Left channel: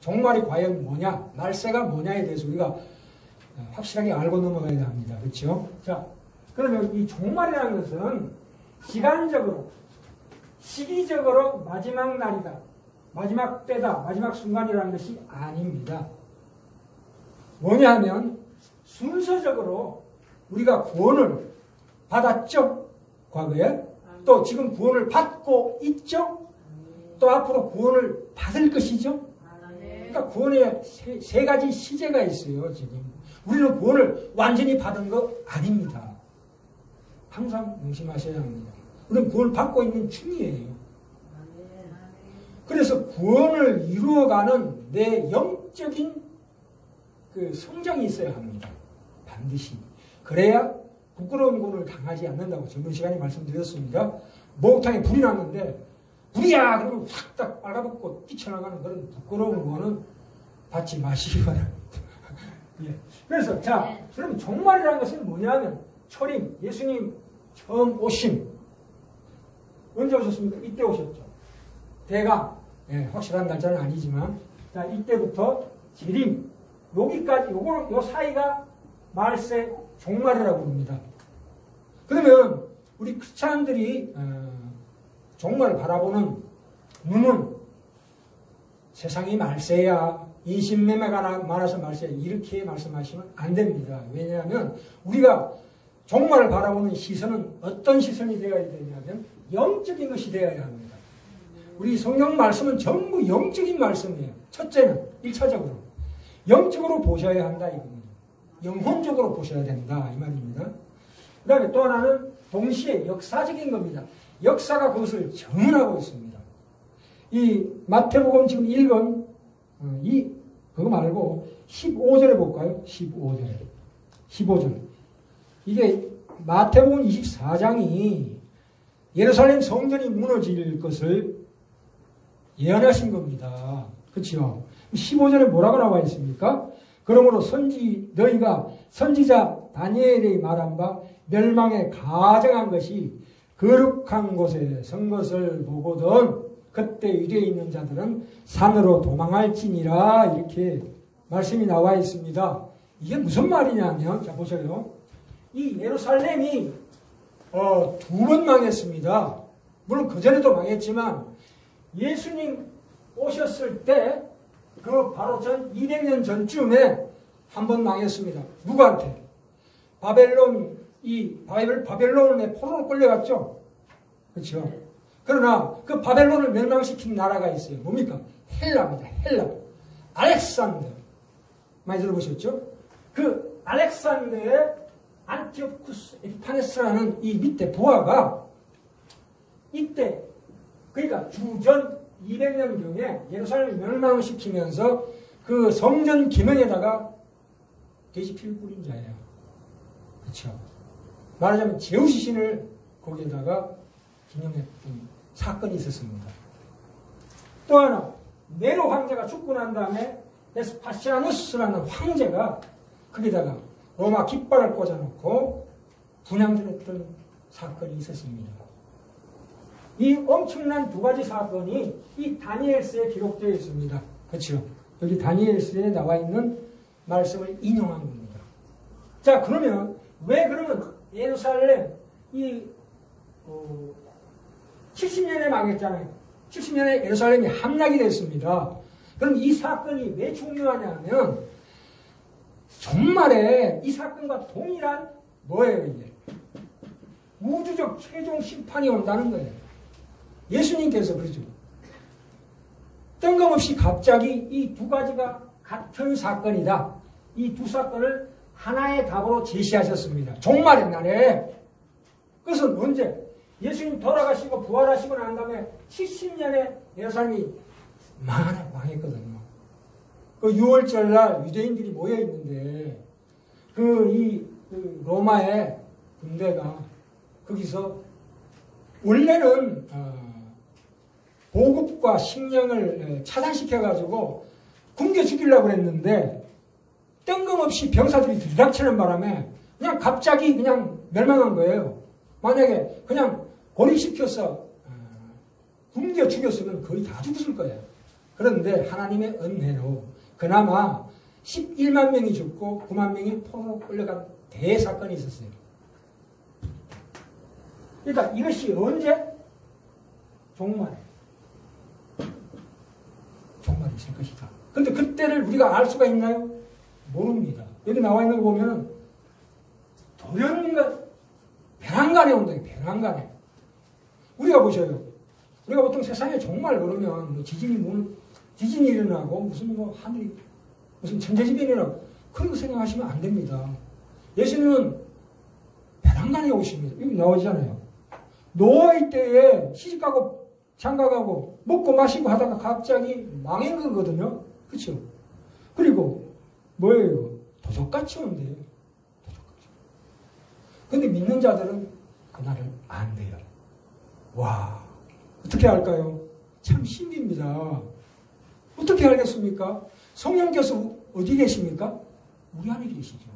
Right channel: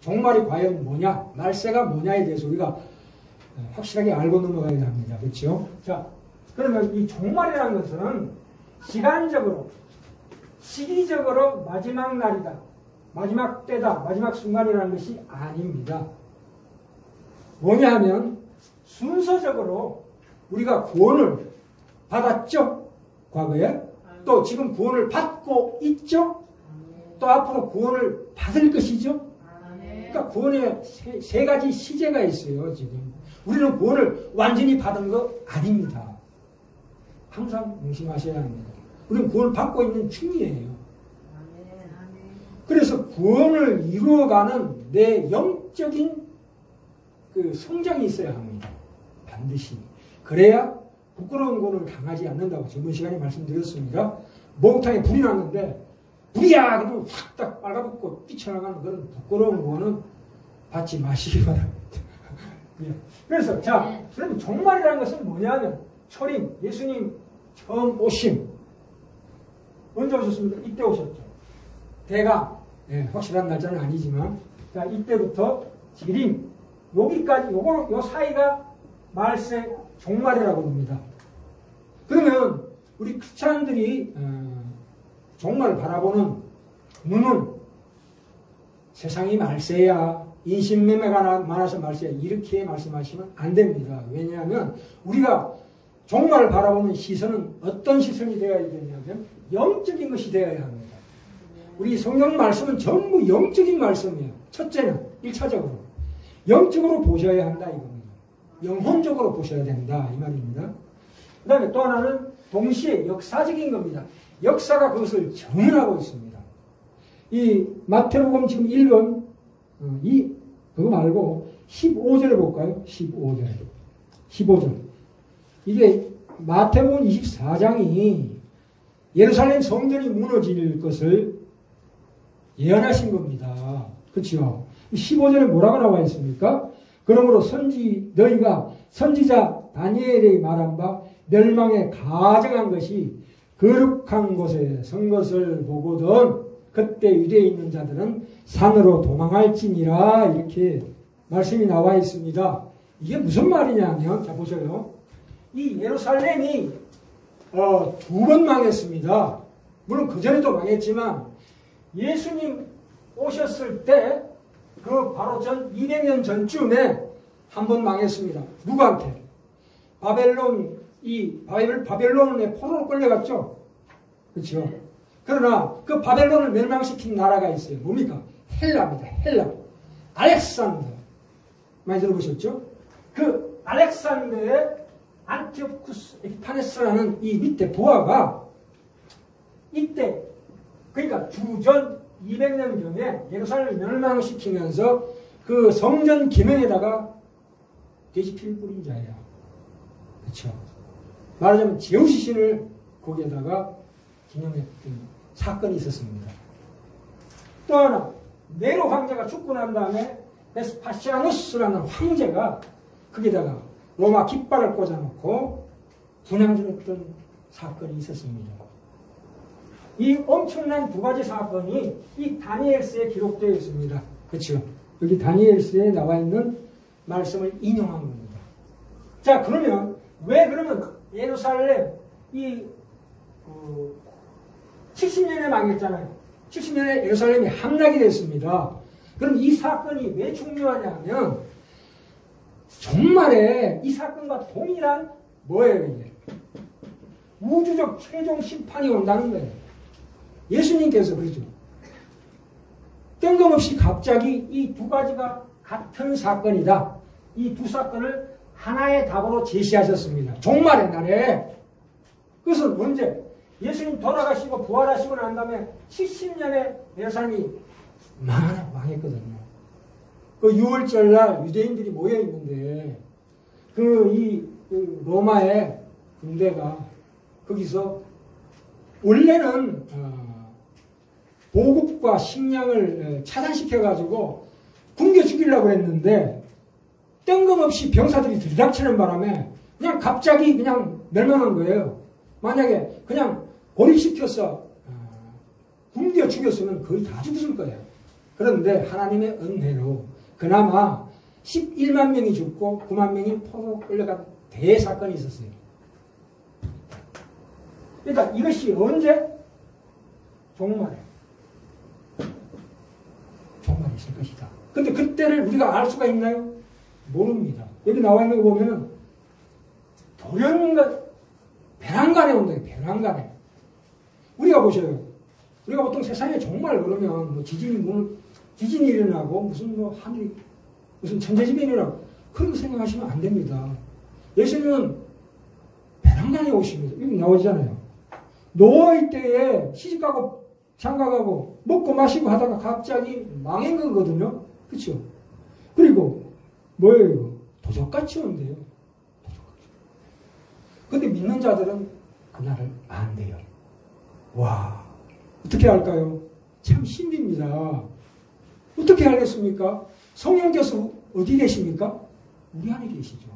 종말이 과연 뭐냐, 말세가 뭐냐에 대해서 우리가 확실하게 알고 넘어가야 합니다. 그렇죠? 자, 그러면 이 종말이라는 것은 시간적으로, 시기적으로 마지막 날이다, 마지막 때다, 마지막 순간이라는 것이 아닙니다. 뭐냐 하면 순서적으로 우리가 구원을 받았죠? 과거에. 또 지금 구원을 받고 있죠? 또 앞으로 구원을 받을 것이죠? 그러니까 구원에 세 가지 시제가 있어요. 지금 우리는 구원을 완전히 받은 거 아닙니다. 항상 명심하셔야 합니다. 우리는 구원을 받고 있는 중이에요. 그래서 구원을 이루어가는 내 영적인 그 성장이 있어야 합니다. 반드시. 그래야 부끄러운 구원을 당하지 않는다고 저번 시간에 말씀드렸습니다. 목욕탕에 불이 났는데 불이야! 그러면 확 딱 빨아붙고 뛰쳐나가는 그런 부끄러운 거는 받지 마시기 바랍니다. 예. 그래서, 자, 그럼 종말이라는 것은 뭐냐면, 초림, 예수님 처음 오심. 언제 오셨습니까? 이때 오셨죠. 대강, 예, 확실한 날짜는 아니지만, 자, 이때부터 지림, 여기까지, 요 사이가 말세 종말이라고 합니다. 그러면, 우리 크리스찬들이, 종말을 바라보는 눈은 세상이 말세야, 인신매매가 많아서 말세야, 이렇게 말씀하시면 안 됩니다. 왜냐하면 우리가 종말을 바라보는 시선은 어떤 시선이 되어야 되냐면 영적인 것이 되어야 합니다. 우리 성경 말씀은 전부 영적인 말씀이에요. 첫째는 1차적으로 영적으로 보셔야 한다 이겁니다. 영혼적으로 보셔야 된다 이 말입니다. 그 다음에 또 하나는 동시에 역사적인 겁니다. 역사가 그것을 정언하고 있습니다. 이 마태복음 지금 읽은 그거 말고 15절에 볼까요? 15절. 이게 마태복음 24장이 예루살렘 성전이 무너질 것을 예언하신 겁니다. 그렇죠? 15절에 뭐라고 나와 있습니까? 그러므로 너희가 선지자 다니엘의 말한 바 멸망에 가정한 것이 거룩한 곳에 선 것을 보거든 그때 유대에 있는 자들은 산으로 도망할지니라 이렇게 말씀이 나와 있습니다. 이게 무슨 말이냐면 자 보세요. 이 예루살렘이 두 번 망했습니다. 물론 그전에도 망했지만 예수님 오셨을 때 그 바로 전 200년 전쯤에 한 번 망했습니다. 누구한테? 바벨론의 포로로 끌려갔죠. 그렇죠? 그러나 그 바벨론을 멸망시킨 나라가 있어요. 뭡니까? 헬라입니다. 헬라. 알렉산더. 많이 들어보셨죠? 그 알렉산더의 안티오쿠스 에피파네스라는 이 밑에 부하가 이때 그러니까 주전 200년경에 예루살렘을 멸망시키면서 그 성전 기능에다가 돼지피를 뿌린 자예요. 그렇죠? 말하자면 제우스 신을 거기에다가 기념했던 사건이 있었습니다. 또 하나 네로 황제가 죽고 난 다음에 베스파시아누스라는 황제가 거기다가 로마 깃발을 꽂아놓고 분향질했던 사건이 있었습니다. 이 엄청난 두 가지 사건이 이 다니엘서에 기록되어 있습니다. 그렇죠? 여기 다니엘서에 나와 있는 말씀을 인용한 겁니다. 자, 그러면 왜 그러면 예루살렘 70년에 망했잖아요. 70년에 예루살렘이 함락이 됐습니다. 그럼 이 사건이 왜 중요하냐면 정말에 이 사건과 동일한 뭐예요 이게? 우주적 최종 심판이 온다는 거예요. 예수님께서 그러죠. 뜬금없이 갑자기 이 두 가지가 같은 사건이다. 이 두 사건을 하나의 답으로 제시하셨습니다. 종말의 날에. 그것은 언제? 예수님 돌아가시고 부활하시고 난 다음에 70년에 예루살렘이 망했거든요. 그 6월절 날 유대인들이 모여 있는데 그 로마의 군대가 거기서 원래는 보급과 식량을 차단시켜가지고 굶겨 죽이려고 했는데 뜬금없이 병사들이 들이닥치는 바람에 그냥 갑자기 그냥 멸망한 거예요. 만약에 그냥 고립시켜서 굶겨 죽였으면 거의 다 죽었을 거예요. 그런데 하나님의 은혜로 그나마 11만 명이 죽고 9만 명이 포로 끌려간 대사건이 있었어요. 그러니까 이것이 언제? 종말에. 종말이 있을 것이다. 근데 그때를 우리가 알 수가 있나요? 모릅니다. 여기 나와 있는 거 보면은 돌연간 배낭간에 온다. 배낭간에. 우리가 보셔요. 우리가 보통 세상에 종말 그러면 뭐 지진이 일어나고 무슨 뭐 하늘이 무슨 천재지변이라고 그런 거 생각하시면 안 됩니다. 예수님은 배낭간에 오십니다. 여기 나오잖아요. 노아의 때에 시집가고 장가가고 먹고 마시고 하다가 갑자기 망한 거거든요. 그렇죠? 그리고 뭐예요? 도적같이 온대요. 도적같이. 근데 믿는 자들은 그날을 안 돼요. 와, 어떻게 할까요? 참 신비입니다. 어떻게 알겠습니까? 성령께서 어디 계십니까? 우리 안에 계시죠.